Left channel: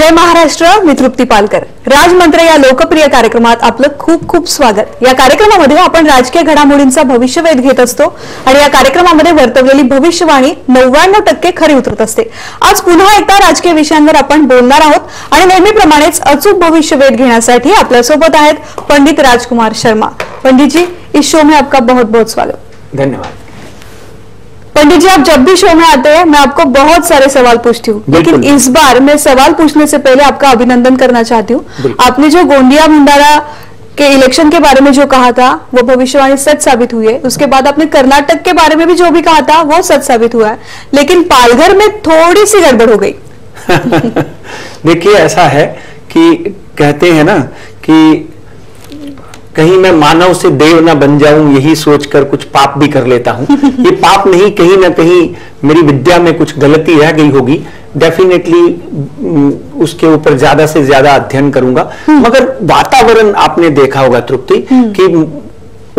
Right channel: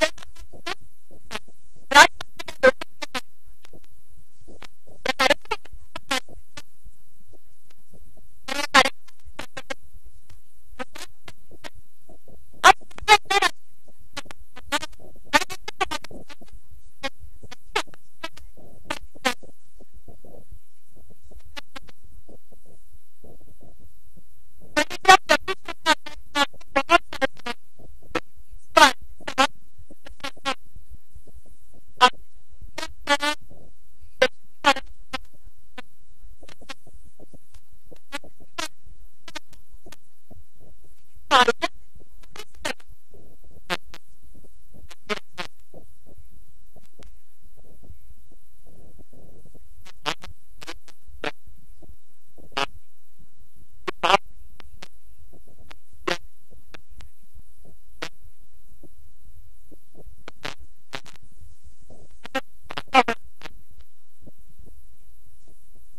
जय महाराष्ट्र. मी तृप्ती पालकर. राजमंत्र या लोकप्रिय कार्यक्रमात आपलं खूप खूप स्वागत. या कार्यक्रमामध्ये आपण राजकीय घडामोडींचा भविष्यवेध घेत असतो आणि या कार्यक्रमामध्ये वर्तवलेली भविष्यवाणी 99% खरी उतरत असते. आज पुन्हा एकदा राजकीय विषयांवर आपण बोलणार आहोत आणि नेहमीप्रमाणेच अचूक भविष्यवेध घेण्यासाठी आपल्या सोबत आहेत पंडित राजकुमार शर्मा. पंडित जी, इस शो में आपका बहुत बहुत स्वागत. धन्यवाद. पंडित जी, आप जब भी शो में आते हैं मैं आपको बहुत सारे सवाल पूछती हूँ, लेकिन इस बार मैं सवाल पूछने से पहले आपका अभिनंदन करना चाहती हूँ. आपने जो गोंदिया भंडारा के इलेक्शन के बारे में जो कहा था वो भविष्यवाणी सच साबित हुई है. उसके बाद आपने कर्नाटक के बारे में भी जो भी कहा था वो सच साबित हुआ है, लेकिन पालघर में थोड़ी सी गड़बड़ हो गई. देखिए, ऐसा है कि कहते हैं ना कि कहीं मैं मानव से देव ना बन जाऊं, यही सोचकर कुछ पाप भी कर लेता हूं. ये पाप नहीं, कहीं ना कहीं मेरी विद्या में कुछ गलती रह गई होगी. डेफिनेटली उसके ऊपर ज्यादा से ज्यादा अध्ययन करूंगा. मगर वातावरण आपने देखा होगा तृप्ति कि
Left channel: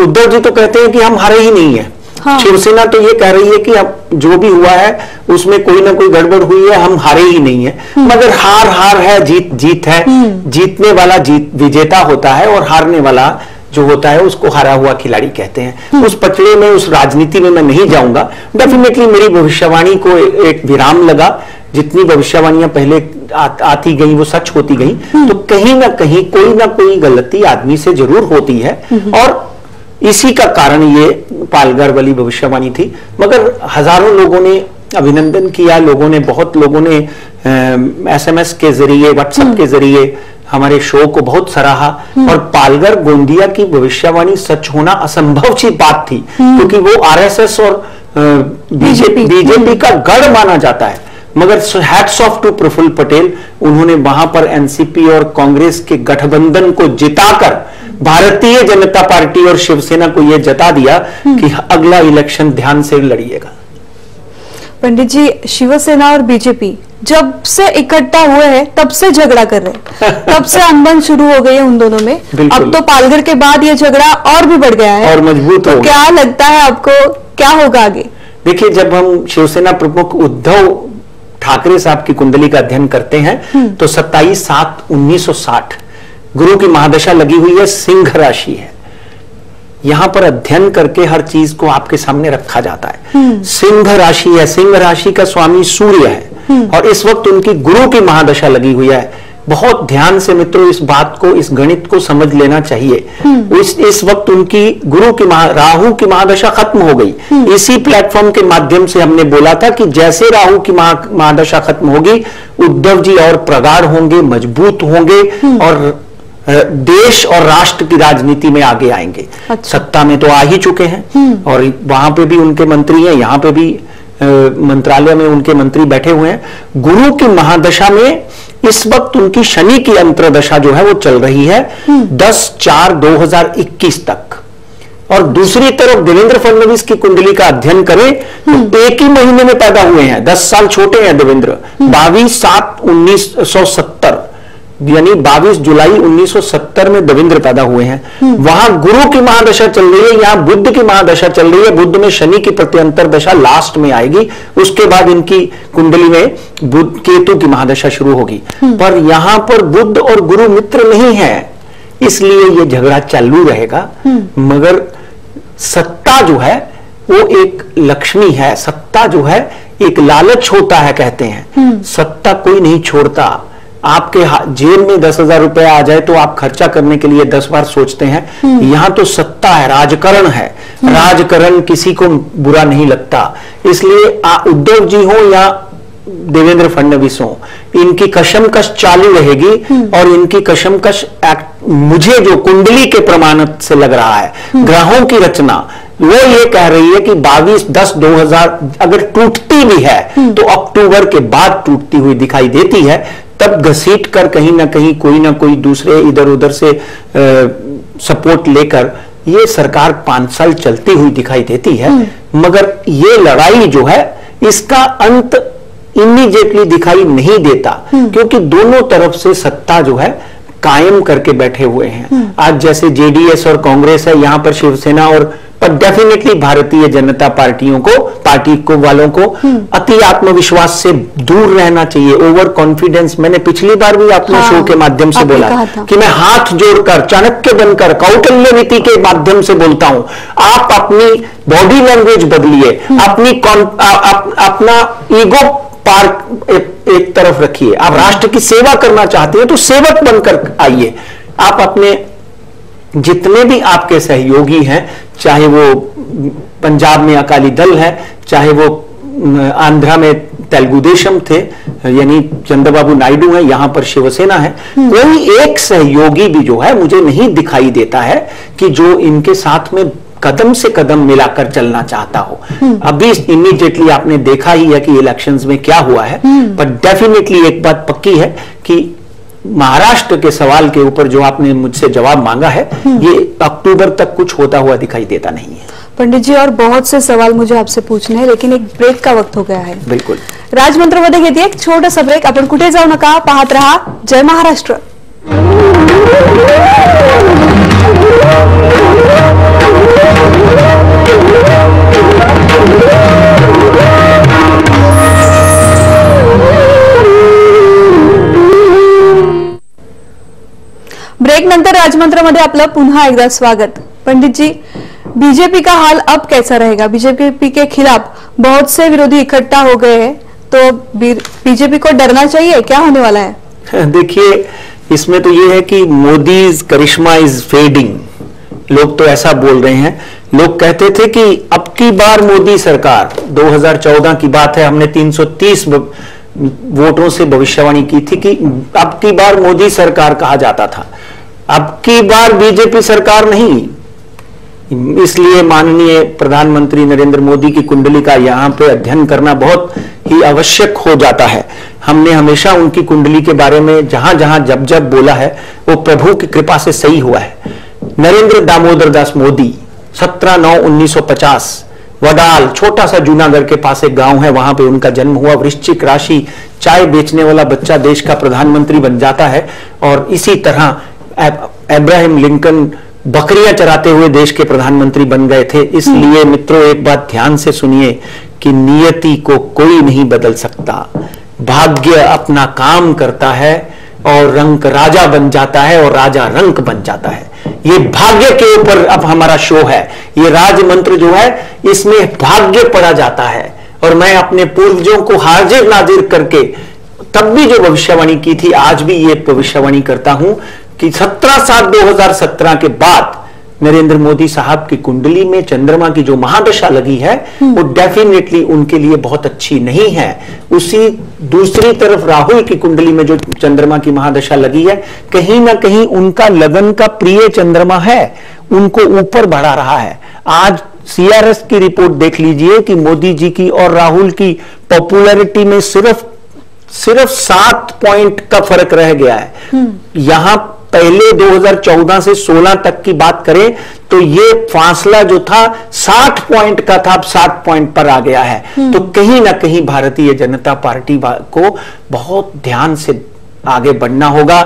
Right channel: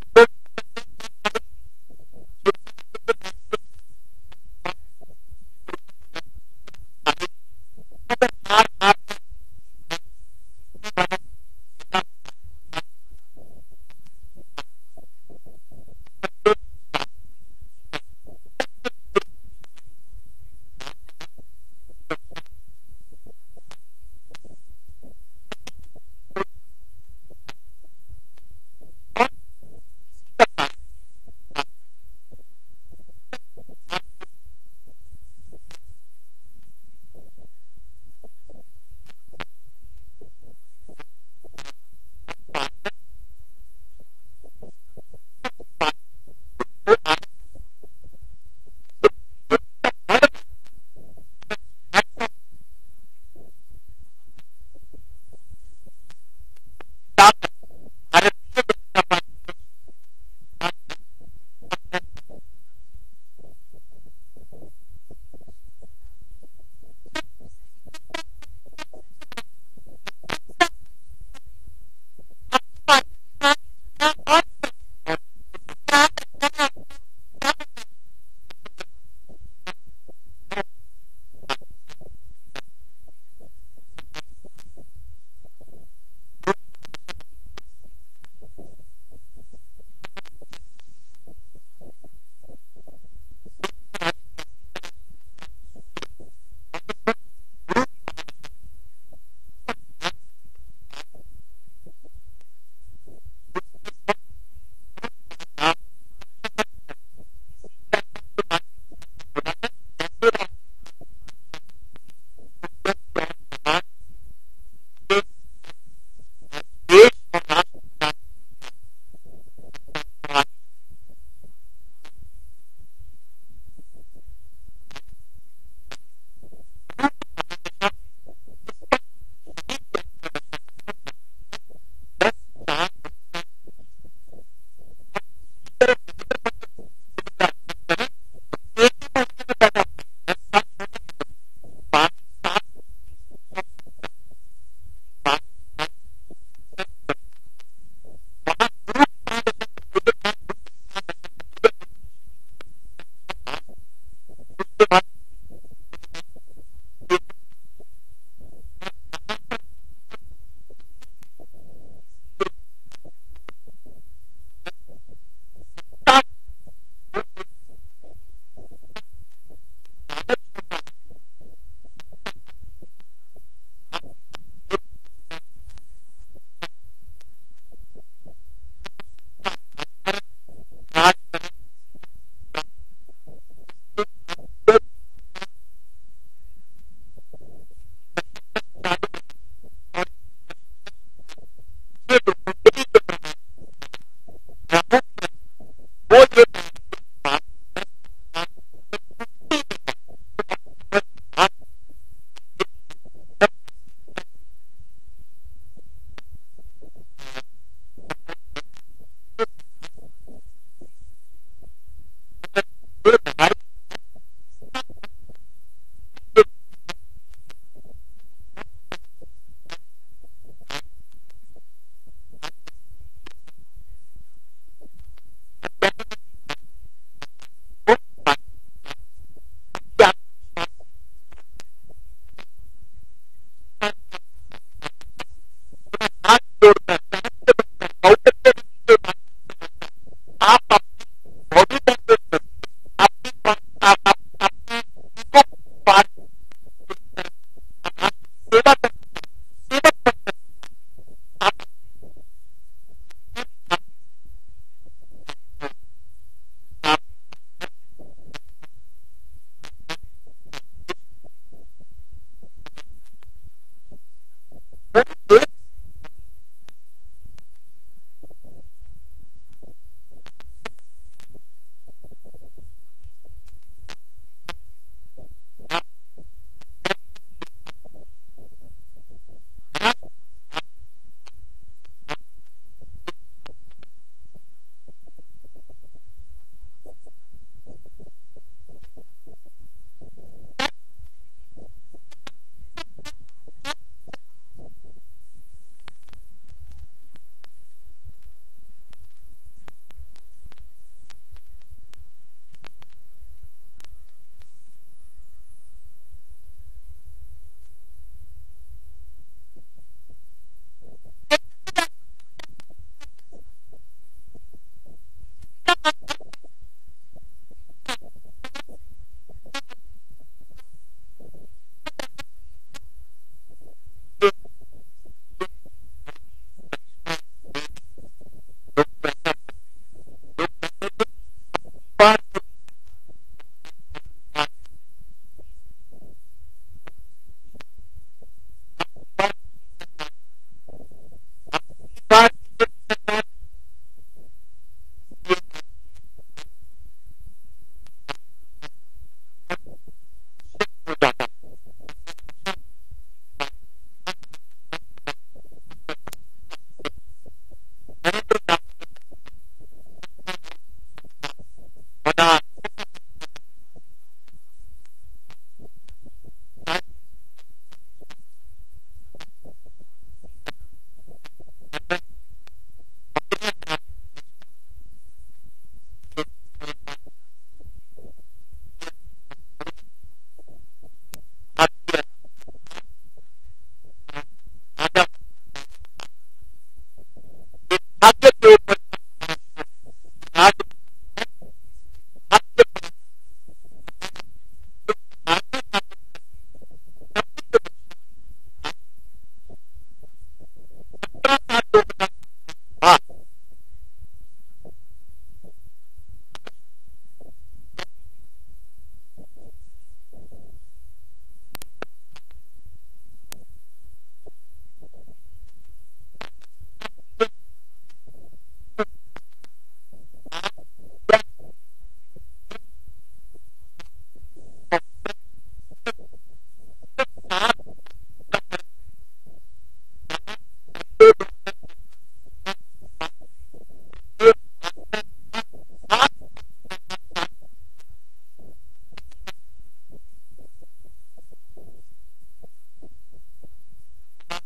उद्धव जी तो कहते हैं कि हम हारे ही नहीं है. हाँ. शिवसेना तो ये कह रही है कि अब जो भी हुआ है उसमें कोई ना कोई गड़बड़ हुई है, हम हारे ही नहीं है. मगर हार हार है, जीत जीत है. जीतने वाला विजेता होता है और हारने वाला जो होता है उसको हारा हुआ खिलाड़ी कहते हैं. उस पचड़े में, उस राजनीति में मैं नहीं जाऊंगा. डेफिनेटली मेरी भविष्यवाणी को एक विराम लगा. जितनी भविष्यवाणियां पहले आती गई वो सच होती गई. तो कहीं ना कहीं कोई ना कोई गलती आदमी से जरूर होती है और इसी का कारण ये पालघर वाली भविष्यवाणी थी. मगर हजारों लोगों ने अभिनंदन किया. बहुत लोगों ने SMS के जरिए, व्हाट्सएप के जरिए हमारे शो को बहुत सराहा. और पालघर गोंदिया की भविष्यवाणी सच होना असंभव सी बात थी, क्योंकि वो RSS और बीजेपी का गढ़ माना जाता है. मगर hats off to Praful Patel, उन्होंने वहां पर NCP और कांग्रेस के गठबंधन को जिताकर भारतीय जनता पार्टी और शिवसेना को यह जता दिया कि अगला इलेक्शन ध्यान से लड़िएगा. पंडित जी, शिवसेना और बीजेपी जब से इकट्ठा हुए हैं तब से झगड़ा कर रहे हैं, तब से अनबन शुरू हो गई है उन दोनों में. अब तो पालघर के बाद ये झगड़ा और भी बढ़ गया है और मजबूत हो गया. क्या लगता है आपको, क्या होगा आगे? देखिए, जब हम शिवसेना प्रमुख उद्धव ठाकरे साहब की कुंडली का अध्ययन करते हैं तो 27/7/1960 गुरु की महादशा लगी हुई है, सिंह राशि है. यहां पर अध्ययन करके हर चीज को आपके सामने रखा जाता है. सिंह राशि है, सिंह राशि का स्वामी सूर्य है और इस वक्त उनकी गुरु की महादशा लगी हुई है. बहुत ध्यान से मित्रों इस बात को, इस गणित को समझ लेना चाहिए. इस वक्त उनकी गुरु की राहु की महादशा खत्म हो गई. इसी प्लेटफॉर्म के माध्यम से हमने बोला था कि जैसे राहु की महादशा खत्म होगी, उद्धव जी और प्रगाढ़ होंगे, मजबूत होंगे और देश और राष्ट्र की राजनीति में आगे आएंगे. अच्छा. सत्ता में तो आ ही चुके हैं और वहां पे भी उनके मंत्री हैं, यहां पे भी मंत्रालय में उनके मंत्री बैठे हुए हैं. गुरु की महादशा में इस वक्त उनकी शनि की अंतरदशा जो है वो चल रही है 10/4/2021 तक. और दूसरी तरफ देवेंद्र फडणवीस की कुंडली का अध्ययन करें तो एक ही महीने में पैदा हुए हैं. 10 साल छोटे हैं देवेंद्र. 22/7/1970 यानी 22 जुलाई 1970 में देवेंद्र पैदा हुए हैं. वहां गुरु की महादशा चल रही है, यहां बुद्ध की महादशा चल रही है. बुद्ध में शनि की प्रत्यंतर दशा लास्ट में आएगी, उसके बाद इनकी कुंडली में बुद्ध केतु की महादशा शुरू होगी. पर यहां पर बुद्ध और गुरु मित्र नहीं है, इसलिए यह झगड़ा चालू रहेगा. मगर सत्ता जो है वो एक लक्ष्मी है. सत्ता जो है एक लालच होता है, कहते हैं. सत्ता कोई नहीं छोड़ता. आपके जेब में 10,000 रुपए आ जाए तो आप खर्चा करने के लिए 10 बार सोचते हैं. यहां तो सत्ता है, राजकरण है. राजकरण किसी को बुरा नहीं लगता. इसलिए उद्धव जी हो या देवेंद्र फडणवीस हो, इनकी कशमकश चालू रहेगी. और इनकी कशमकश मुझे जो कुंडली के प्रमाण से लग रहा है, ग्रहों की रचना वो ये कह रही है कि 22/10/2000 अगर टूटती भी है तो अक्टूबर के बाद टूटती हुई दिखाई देती है. तब घसीट कर कहीं ना कोई दूसरे इधर उधर से सपोर्ट लेकर ये सरकार 5 साल चलती हुई दिखाई देती है. मगर ये लड़ाई जो है इसका अंत इमीडिएटली दिखाई नहीं देता, क्योंकि दोनों तरफ से सत्ता जो है कायम करके बैठे हुए हैं। आज जैसे जेडीएस और कांग्रेस है, यहां पर शिवसेना और पर डेफिनेटली भारतीय जनता पार्टी को वालों को अति आत्मविश्वास से दूर रहना चाहिए। ओवर कॉन्फिडेंस, मैंने पिछली बार भी अपने शो के माध्यम से बोला कि मैं हाथ जोड़कर, चाणक्य बनकर, कौटिल्य नीति के माध्यम से बोलता हूं, आप अपनी बॉडी लैंग्वेज बदलिए, अपना ईगो पार्क एक तरफ रखिए। आप राष्ट्र की सेवा करना चाहते हैं तो सेवक बनकर आइए। आप अपने जितने भी आपके सहयोगी हैं, चाहे वो पंजाब में अकाली दल है, चाहे वो आंध्रा में तेलुगु देशम थे यानी चंद्रबाबू नायडू है, यहां पर शिवसेना है, कोई एक सहयोगी भी जो है मुझे नहीं दिखाई देता है कि जो इनके साथ में कदम से कदम मिलाकर चलना चाहता हो। अभी इमीडिएटली आपने देखा ही है कि इलेक्शंस में क्या हुआ है, पर डेफिनेटली एक बात पक्की है कि महाराष्ट्र के सवाल के ऊपर जो आपने मुझसे जवाब मांगा है, ये अक्टूबर तक कुछ होता हुआ दिखाई देता नहीं है। पंडित जी, और बहुत से सवाल मुझे आपसे पूछने हैं, लेकिन एक ब्रेक का वक्त हो गया है। बिल्कुल, राजमंत्रमध्ये घेते एक छोटासा ब्रेक। आपण कुठे जाऊ नका, पाहत रहा जय महाराष्ट्र। ब्रेक नंतर राजमंत्रमध्ये आपलं पुन्हा एकदा स्वागत। पंडित जी, बीजेपी का हाल अब कैसा रहेगा? बीजेपी के खिलाफ बहुत से विरोधी इकट्ठा हो गए हैं, तो बीजेपी को डरना चाहिए, क्या होने वाला है? देखिए, इसमें तो ये है कि मोदीज करिश्मा इज फेडिंग। लोग तो ऐसा बोल रहे हैं। लोग कहते थे कि अब की बार मोदी सरकार, 2014 की बात है, हमने 330 वोटों से भविष्यवाणी की थी कि अब की बार मोदी सरकार कहा जाता था, अब की बार बीजेपी सरकार नहीं। इसलिए माननीय प्रधानमंत्री नरेंद्र मोदी की कुंडली का यहां पे अध्ययन करना बहुत ही आवश्यक हो जाता है। हमने हमेशा उनकी कुंडली के बारे में जहां जहां जब जब बोला है, वो प्रभु की कृपा से सही हुआ है। नरेंद्र दामोदर दास मोदी 17/9/1950 वडाल, छोटा सा जूनागढ़ के पास एक गांव है, वहां पे उनका जन्म हुआ। वृश्चिक राशि, चाय बेचने वाला बच्चा देश का प्रधानमंत्री बन जाता है। और इसी तरह अब्राहम लिंकन बकरियां चराते हुए देश के प्रधानमंत्री बन गए थे। इसलिए मित्रों, एक बात ध्यान से सुनिए कि नियति को कोई नहीं बदल सकता। भाग्य अपना काम करता है और रंक राजा बन जाता है और राजा रंक बन जाता है। ये भाग्य के ऊपर अब हमारा शो है। ये राज मंत्र जो है, इसमें भाग्य पढ़ा जाता है। और मैं अपने पूर्वजों को हाजिर नाजिर करके तब भी जो भविष्यवाणी की थी, आज भी ये भविष्यवाणी करता हूं कि 17/7/2017 के बाद नरेंद्र मोदी साहब की कुंडली में चंद्रमा की जो महादशा लगी है, वो डेफिनेटली उनके लिए बहुत अच्छी नहीं है। उसी दूसरी तरफ राहुल की कुंडली में जो चंद्रमा की महादशा लगी है, कहीं ना कहीं उनका लगन का प्रिय चंद्रमा है, उनको ऊपर बढ़ा रहा है। आज सीआरएस की रिपोर्ट देख लीजिए कि मोदी जी की और राहुल की पॉपुलैरिटी में सिर्फ 7 पॉइंट का फर्क रह गया है। यहां पहले 2014 से 16 तक की बात करें तो ये फासला जो था 60 पॉइंट का था, अब 60 पॉइंट पर आ गया है। तो कहीं ना कहीं भारतीय जनता पार्टी को बहुत ध्यान से आगे बढ़ना होगा।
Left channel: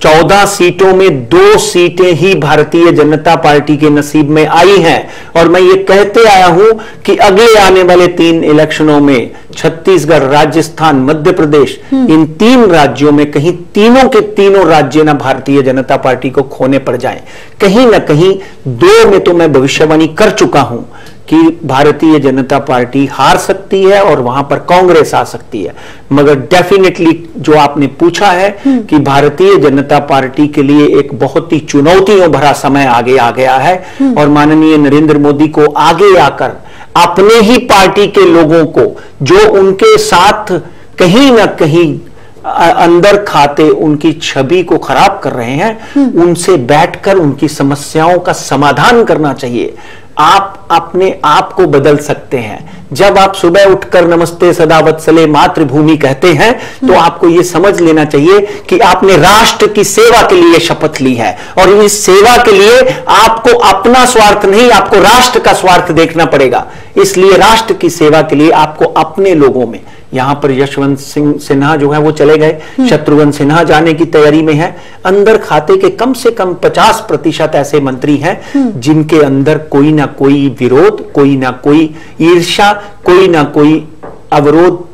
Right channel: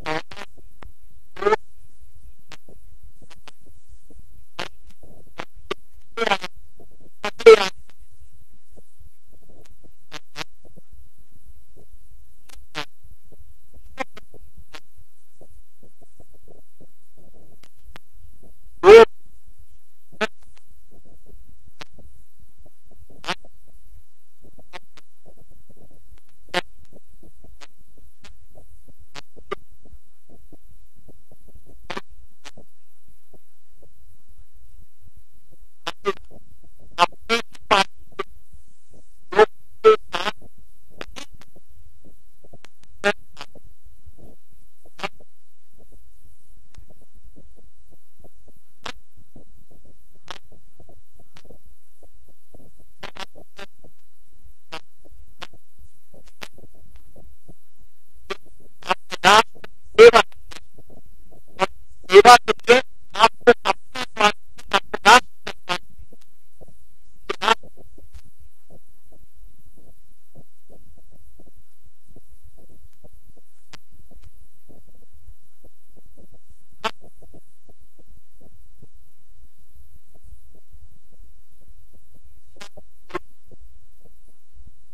14 सीटों में 2 सीटें ही भारतीय जनता पार्टी के नसीब में आई हैं। और मैं ये कहते आया हूं कि अगले आने वाले 3 इलेक्शनों में छत्तीसगढ़, राजस्थान, मध्य प्रदेश, इन 3 राज्यों में कहीं तीनों के तीनों राज्य ना भारतीय जनता पार्टी को खोने पड़ जाएं। कहीं ना कहीं 2 में तो मैं भविष्यवाणी कर चुका हूं कि भारतीय जनता पार्टी हार सकती है और वहां पर कांग्रेस आ सकती है। मगर डेफिनेटली जो आपने पूछा है कि भारतीय जनता पार्टी के लिए एक बहुत ही चुनौतियों भरा समय आगे आ गया है। और माननीय नरेंद्र मोदी को आगे आकर अपने ही पार्टी के लोगों को जो उनके साथ कहीं ना कहीं अंदर खाते उनकी छवि को खराब कर रहे हैं, उनसे बैठकर उनकी समस्याओं का समाधान करना चाहिए। आप अपने आप को बदल सकते हैं। जब आप सुबह उठकर नमस्ते सदा वत्सले मातृभूमि कहते हैं तो आपको यह समझ लेना चाहिए कि आपने राष्ट्र की सेवा के लिए शपथ ली है, और इस सेवा के लिए आपको अपना स्वार्थ नहीं, आपको राष्ट्र का स्वार्थ देखना पड़ेगा। इसलिए राष्ट्र की सेवा के लिए आपको अपने लोगों में, यहां पर यशवंत सिंह सिन्हा जो है वो चले गए, शत्रुघ्न सिन्हा जाने की तैयारी में है। अंदर खाते के कम से कम 50% ऐसे मंत्री हैं जिनके अंदर कोई ना कोई विरोध, कोई ना कोई ईर्ष्या, कोई ना कोई अवरोध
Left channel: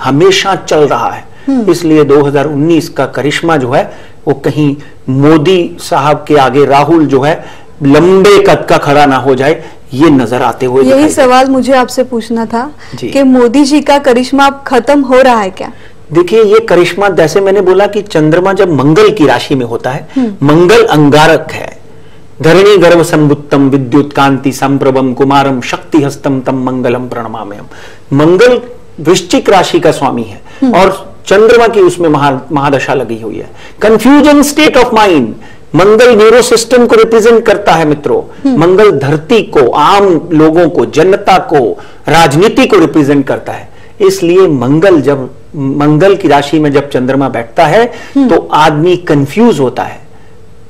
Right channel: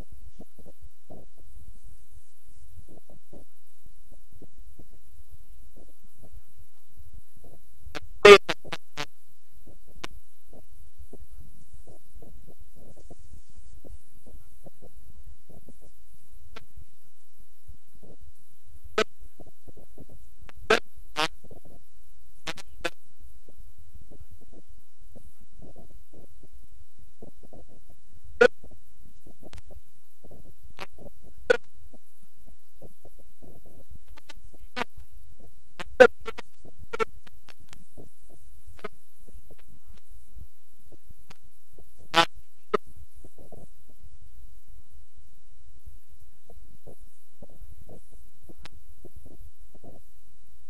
हमेशा चल रहा है। इसलिए 2019 का करिश्मा जो है वो कहीं मोदी साहब के आगे राहुल जो है लंबे कद का खड़ा ना हो जाए, ये नजर आते हुए। यही सवाल मुझे आपसे पूछना था कि मोदी जी का करिश्मा अब खत्म हो रहा है क्या? देखिए, ये करिश्मा, जैसे मैंने बोला कि चंद्रमा जब मंगल की राशि में होता है, मंगल अंगारक है। धरणी गर्भ संबुत्तम विद्युत कांति संप्रभम कुमारम शक्ति हस्तम तम मंगलम प्रणमाम्यहम्। मंगल वृश्चिक राशि का स्वामी है और चंद्रमा की उसमें महादशा लगी हुई है। Confusion state of mind. Mangal neuro system को रिप्रेजेंट करता है मित्रों। मंगल धरती को, आम लोगों को, जनता को, राजनीति को रिप्रेजेंट करता है। इसलिए मंगल की राशि में जब चंद्रमा बैठता है तो आदमी कंफ्यूज होता है,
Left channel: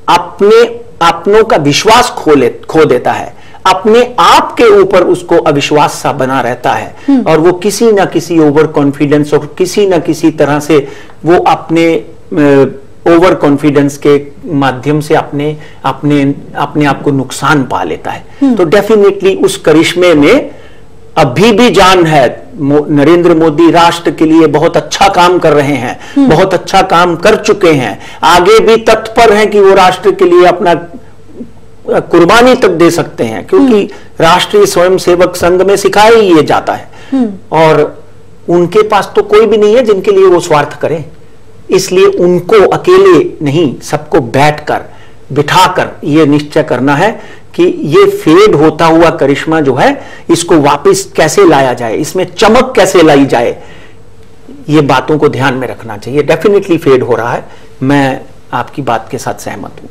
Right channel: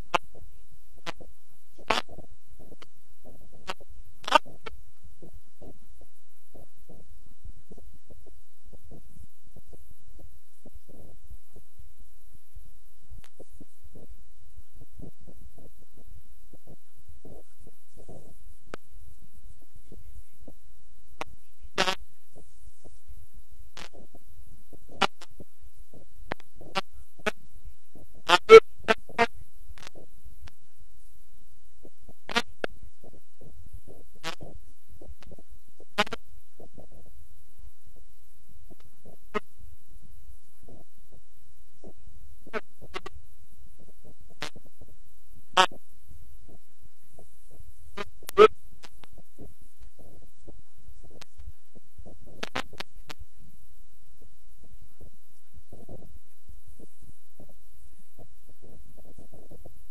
अपनों का विश्वास खो देता है, अपने आप के ऊपर उसको अविश्वास सा बना रहता है, और वो किसी ना किसी ओवर कॉन्फिडेंस और किसी ना किसी तरह से वो अपने ओवर कॉन्फिडेंस के माध्यम से अपने आप को नुकसान पा लेता है। तो डेफिनेटली उस करिश्मे में अभी भी जान है। नरेंद्र मोदी राष्ट्र के लिए बहुत अच्छा काम कर रहे हैं, बहुत अच्छा काम कर चुके हैं, आगे भी तत्पर हैं कि वो राष्ट्र के लिए अपना कुर्बानी तक दे सकते हैं, क्योंकि राष्ट्रीय स्वयंसेवक संघ में सिखाया ही ये जाता है। और उनके पास तो कोई भी नहीं है जिनके लिए वो स्वार्थ करें, इसलिए उनको अकेले नहीं, सबको बैठकर बिठाकर ये निश्चय करना है कि ये फेड होता हुआ करिश्मा जो है इसको वापस कैसे लाया जाए, इसमें चमक कैसे लाई जाए, ये बातों को ध्यान में रखना चाहिए। डेफिनेटली फेड हो रहा है, मैं आपकी बात के साथ सहमत हूं।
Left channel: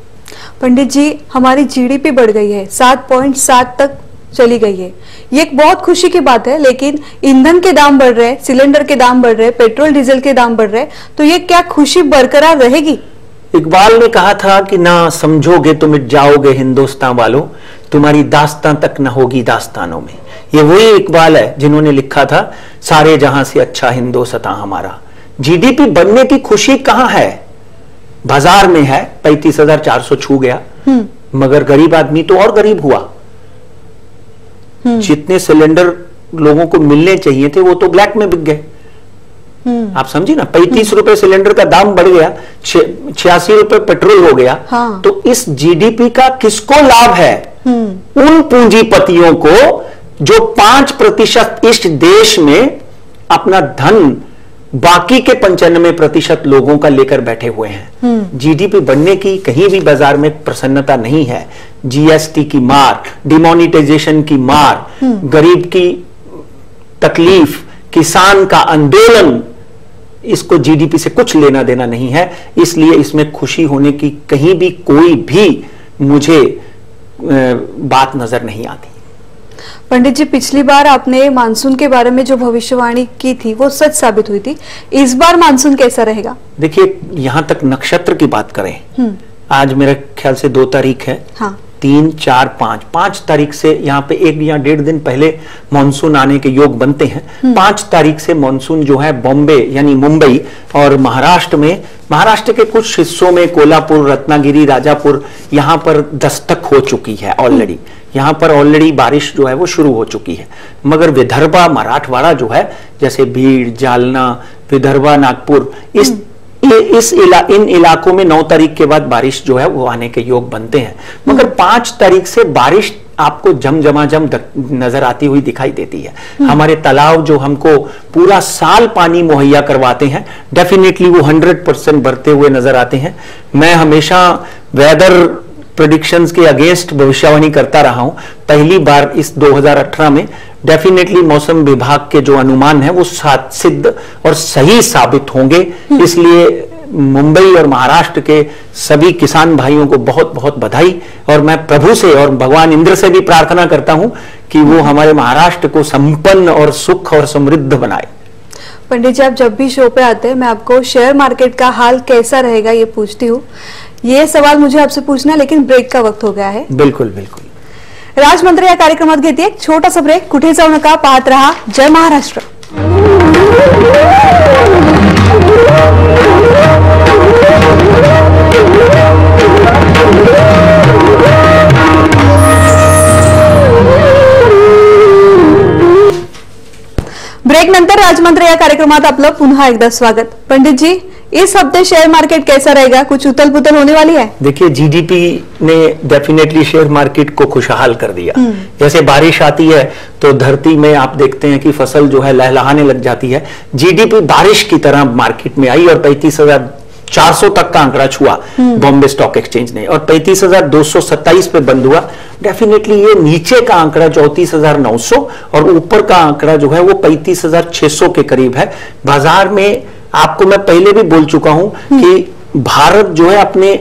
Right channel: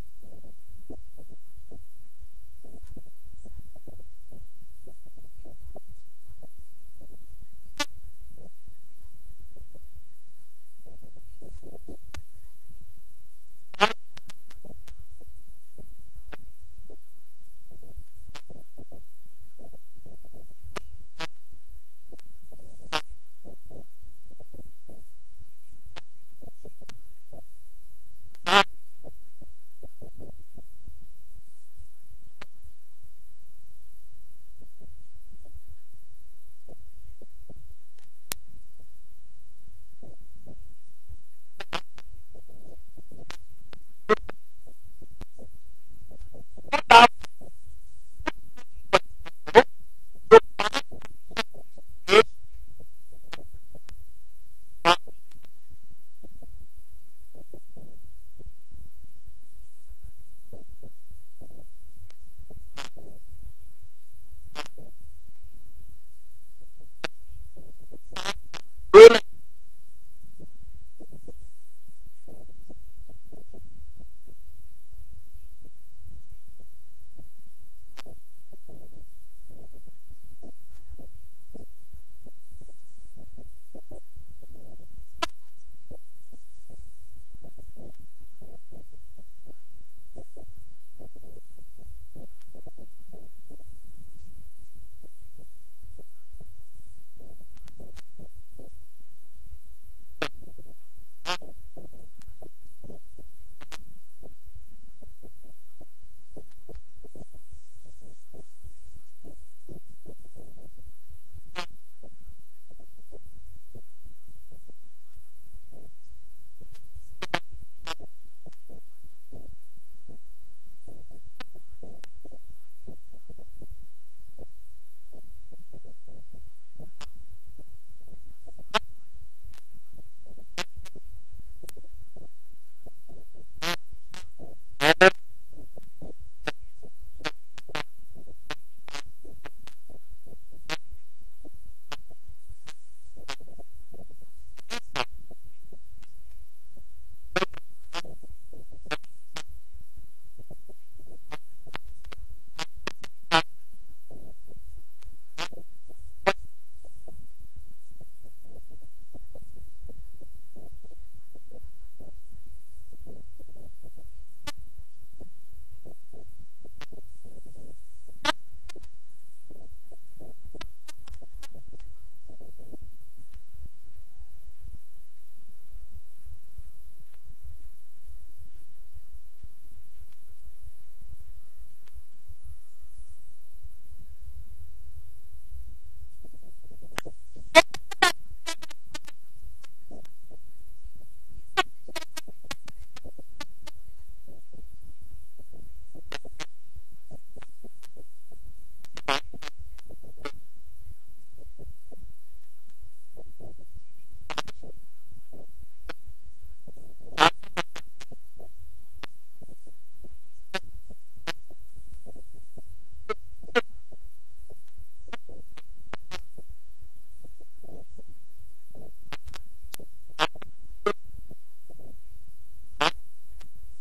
पंडित जी, हमारी जीडीपी बढ़ गई है, 7.7 तक चली गई है। ये एक बहुत खुशी की बात है, लेकिन ईंधन के दाम बढ़ रहे हैं, सिलेंडर के दाम बढ़ रहे हैं, पेट्रोल डीजल के दाम बढ़ रहे हैं, तो ये क्या खुशी बरकरार रहेगी? इकबाल ने कहा था कि ना समझोगे तो मिट जाओगे हिंदुस्तान वालों, तुम्हारी दास्तां तक न होगी दास्तानों में। ये वही इकबाल है जिन्होंने लिखा था सारे जहां से अच्छा हिंदुस्तान हमारा। जीडीपी बढ़ने की खुशी कहां है? बाजार में है, 35,400 छू गया, मगर गरीब आदमी तो और गरीब हुआ। जितने सिलेंडर लोगों को मिलने चाहिए थे वो तो ब्लैक में बिक गए। आप समझी ना, 35 रुपए सिलेंडर का दाम बढ़ गया, 86 रुपए पेट्रोल हो गया। हाँ। तो इस जीडीपी का किसको लाभ है? उन पूंजीपतियों को जो 5% इस देश में अपना धन बाकी के 95% लोगों का लेकर बैठे हुए हैं। जीडीपी बढ़ने की कहीं भी बाजार में प्रसन्नता नहीं है। जीएसटी की मार, डिमोनिटाइजेशन की मार, गरीब की तकलीफ, किसान का आंदोलन, इसको जीडीपी से कुछ लेना देना नहीं है। इसलिए इसमें खुशी होने की कहीं भी कोई भी मुझे बात नजर नहीं आती। पंडित जी, पिछली बार आपने मानसून के बारे में जो भविष्यवाणी की थी वो सच साबित हुई थी। इस बार मानसून कैसा रहेगा? देखिए, यहां तक नक्षत्र की बात करें, आज मेरे ख्याल से 2 तारीख है। हाँ। 3, 4, 5 तारीख से यहाँ पे 1 या 1.5 दिन पहले मानसून आने के योग बनते हैं। 5 तारीख से मानसून जो है बॉम्बे यानी मुंबई और महाराष्ट्र के कुछ हिस्सों में, कोल्हापुर, रत्नागिरी, राजापुर, यहाँ पर दस्तक हो चुकी है ऑलरेडी। यहाँ पर ऑलरेडी बारिश जो है वो शुरू हो चुकी है। मगर विदर्भा, मराठवाड़ा जो है, जैसे भीड़, जालना, विदर्भा, नागपुर, इन इलाकों में 9 तारीख के बाद बारिश जो है वो आने के योग बनते हैं। मगर 5 तारीख से बारिश आपको झमाझम नजर आती हुई दिखाई देती है। हमारे तालाब जो हमको पूरा साल पानी मुहैया करवाते हैं, डेफिनेटली वो 100% भरते हुए नजर आते हैं। मैं हमेशा वेदर प्रेडिक्शंस के अगेंस्ट भविष्यवाणी करता रहा हूं। पहली बार इस 2018 में डेफिनेटली मौसम विभाग के जो अनुमान है वो सिद्ध और सही साबित होंगे। इसलिए मुंबई और महाराष्ट्र के सभी किसान भाइयों को बहुत बहुत बधाई, और मैं प्रभु से और भगवान इंद्र से भी प्रार्थना करता हूं कि वो हमारे महाराष्ट्र को संपन्न और सुख और समृद्ध बनाए। पंडित जी, आप जब भी शो पे आते हैं मैं आपको शेयर मार्केट का हाल कैसा रहेगा ये पूछती हूँ। ये सवाल मुझे आपसे पूछना है, लेकिन ब्रेक का वक्त हो गया है। बिल्कुल बिल्कुल। राजमंत्र या कार्यक्रमात घेते एक छोटासा ब्रेक, कुठे जाऊ नका, पाहत रहा जय महाराष्ट्र। ब्रेक नंतर राजमंत्र या कार्यक्रमात आपलं पुन्हा एकदा स्वागत। पंडित जी, इस हफ्ते शेयर मार्केट कैसा रहेगा, कुछ उथल पुथल होने वाली है? देखिए, जीडीपी ने डेफिनेटली शेयर मार्केट को खुशहाल कर दिया। जैसे बारिश आती है तो धरती में आप देखते हैं कि फसल जो है लहलहाने लग जाती है। जीडीपी बारिश की तरह मार्केट में आई और 35,400 तक का आंकड़ा छुआ बॉम्बे स्टॉक एक्सचेंज ने, और 35,227 पे बंद हुआ। डेफिनेटली ये नीचे का आंकड़ा 34,900 और ऊपर का आंकड़ा जो है वो 35,600 के करीब है। बाजार में आपको मैं पहले भी बोल चुका हूं कि भारत जो है अपने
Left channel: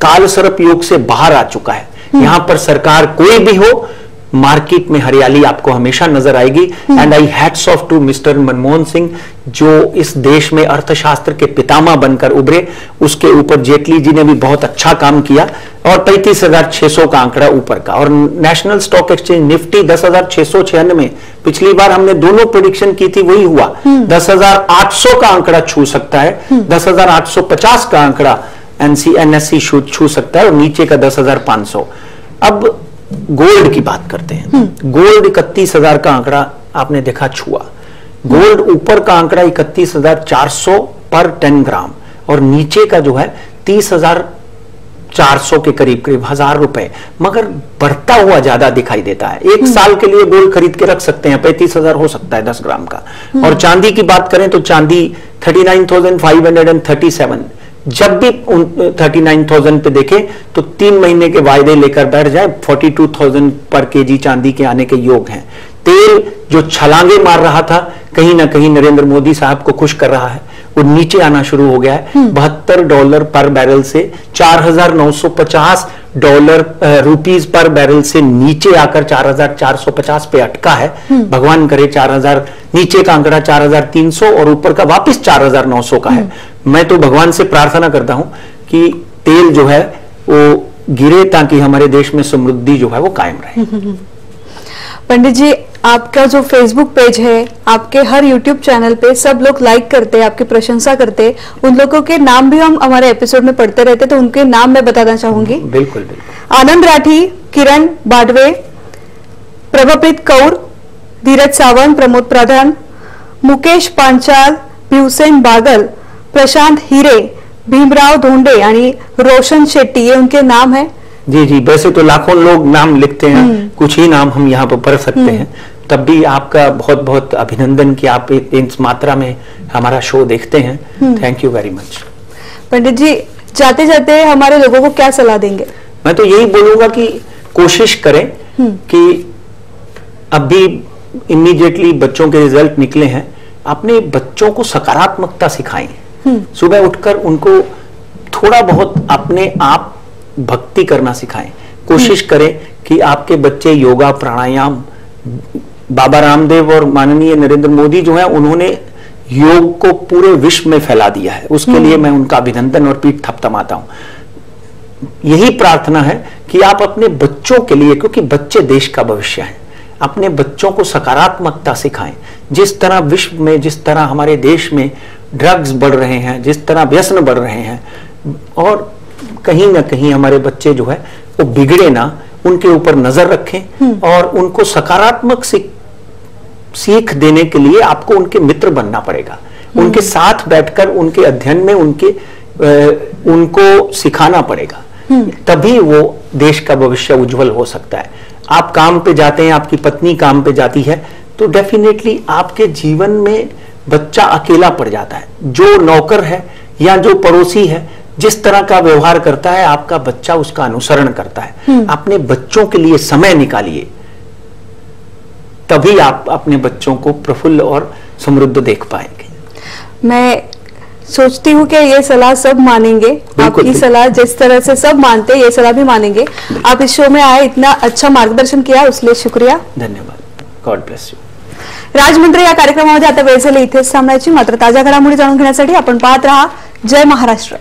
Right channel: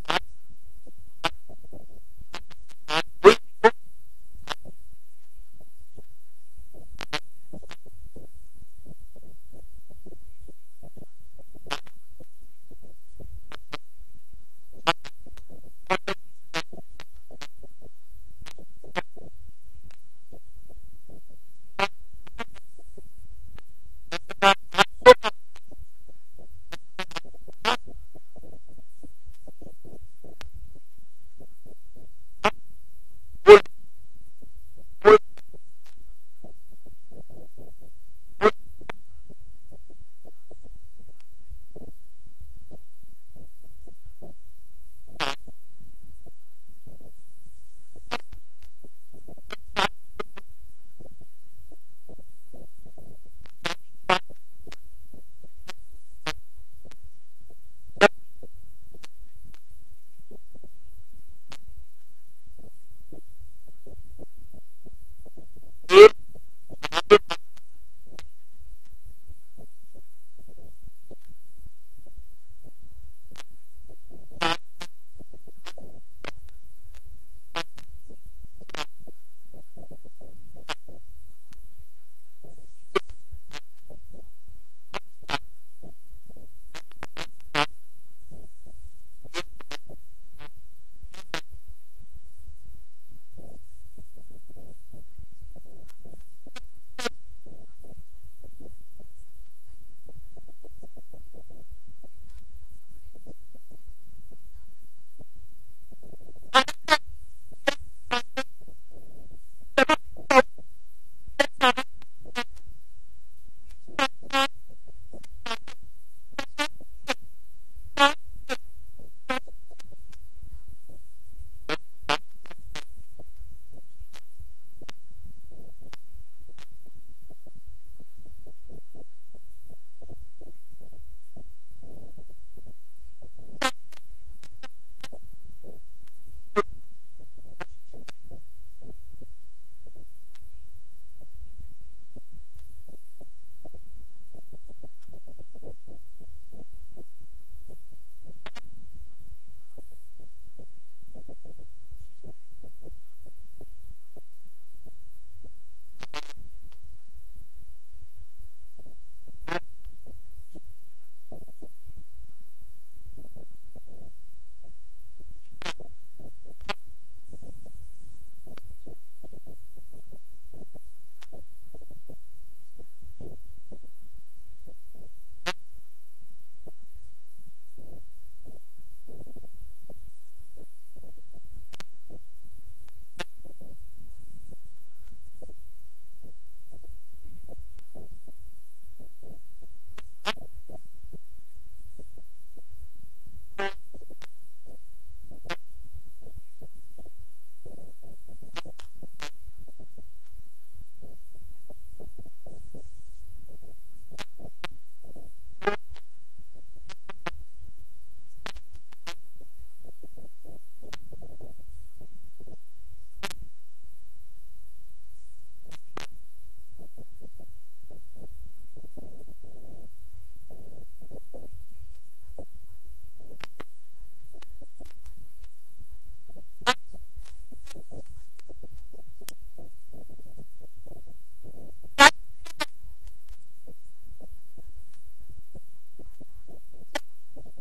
काल सर्प योग से बाहर आ चुका है। यहां पर सरकार कोई भी हो, मार्केट में हरियाली आपको हमेशा नजर आएगी। And I hats off to mister Manmohan Singh, जो इस देश में अर्थशास्त्र के पितामह बनकर उभरे। उसके ऊपर जेटली जी ने भी बहुत अच्छा काम किया, और 35,600 का आंकड़ा ऊपर का। और नेशनल स्टॉक एक्सचेंज निफ्टी 10,696, पिछली बार हमने दोनों प्रेडिक्शन की थी, वही हुआ। 10,800 का आंकड़ा छू सकता है, 10,850 का आंकड़ा एनएससी छू सकता है, और नीचे का 10,500। अब गोल्ड की बात करते हैं। गोल्ड 31,000 का आंकड़ा आपने देखा छुआ। गोल्ड ऊपर का आंकड़ा 31,400 पर 10 ग्राम, और नीचे का जो है 30,400 के करीब करीब 1,000 रुपए, मगर बढ़ता हुआ ज्यादा दिखाई देता है। एक साल के लिए गोल्ड खरीद के रख सकते हैं, 35,000 हो सकता है 10 ग्राम का। और चांदी की बात करें तो चांदी 39,537, जब भी 39,000 पे देखे तो 3 महीने के वायदे लेकर बैठ जाए, 42,000 पर केजी चांदी के आने के योग हैं। तेल जो छलांगे मार रहा था, कहीं ना कहीं नरेंद्र मोदी साहब को खुश कर रहा है, वो नीचे आना शुरू हो गया है। $72 पर बैरल से $4,950 रुपीज पर बैरल से नीचे आकर 4,450 पे अटका है। भगवान करे 4,000, नीचे का आंकड़ा 4,300 और ऊपर का वापस 4,900 का है। मैं तो भगवान से प्रार्थना करता हूं कि तेल जो है वो गिरे, ताकि हमारे देश में समृद्धि जो है वो कायम रहे। पंडित जी, आपका जो फेसबुक पेज है, आपके हर यूट्यूब चैनल पे सब लोग लाइक करते हैं, आपकी प्रशंसा करते हैं। उन लोगों के नाम भी हम हमारे एपिसोड में पढ़ते रहते, तो उनके नाम मैं बताना चाहूंगी। बिल्कुल बिल्कुल। आनंद राठी, किरण बाडवे, प्रभप्रीत कौर, धीरज सावंत, प्रमोद प्रधान, मुकेश पांचाल, भीवसेन बागल, प्रशांत हिरे, भीमराव धोंडे आणि रोशन शेट्टी, ये उनके नाम है। जी जी, वैसे तो लाखों लोग नाम लिखते हैं, कुछ ही नाम हम यहाँ पर पढ़ सकते हैं। तब भी आपका बहुत बहुत अभिनंदन कि आप इस मात्रा में हमारा शो देखते हैं। Thank you very much. Pandit ji, जाते जाते हमारे लोगों को क्या सलाह देंगे? मैं तो यही बोलूंगा कि कोशिश करें कि अभी इमीडिएटली बच्चों के रिजल्ट निकले हैं, अपने बच्चों को सकारात्मकता सिखाएं। सुबह उठकर उनको थोड़ा बहुत अपने आप भक्ति करना सिखाएं। कोशिश करें कि आपके बच्चे योगा, प्राणायाम, बाबा रामदेव और माननीय नरेंद्र मोदी जो है, उन्होंने योग को पूरे विश्व में फैला दिया है। उसके लिए मैं उनका अभिनंदन और पीठ थपथपाता हूं। यही प्रार्थना है कि आप अपने बच्चों के लिए, क्योंकि बच्चे देश का भविष्य हैं, अपने बच्चों को सकारात्मकता सिखाएं। जिस तरह विश्व में, जिस तरह हमारे देश में ड्रग्स बढ़ रहे हैं, जिस तरह व्यसन बढ़ रहे हैं, और कहीं ना कहीं हमारे बच्चे जो है वो बिगड़े ना, उनके ऊपर नजर रखें और उनको सकारात्मक सीख देने के लिए आपको उनके मित्र बनना पड़ेगा। उनके साथ बैठकर उनके अध्ययन में उनको सिखाना पड़ेगा, तभी वो देश का भविष्य उज्जवल हो सकता है। आप काम पे जाते हैं, आपकी पत्नी काम पे जाती है, तो डेफिनेटली आपके जीवन में बच्चा अकेला पड़ जाता है। जो नौकर है या जो पड़ोसी है, जिस तरह का व्यवहार करता है, आपका बच्चा उसका अनुसरण करता है। अपने बच्चों के लिए समय निकालिए, तभी आप अपने बच्चों को प्रफुल्ल और समृद्ध देख पाएंगे। मैं सोचती हूँ कि ये सलाह सब मानेंगे, आपकी सलाह जिस तरह से सब मानते हैं ये सलाह भी मानेंगे। आप इस शो में आए, इतना अच्छा मार्गदर्शन किया उसलिए शुक्रिया, धन्यवाद। God bless you. राजमंत्री या कार्यक्रमामध्ये आता वेळ झाली इथेच थांबायची, मात्र ताज्या घडामोडी जाणून घेण्यासाठी आपण पाहत राहा जय महाराष्ट्र।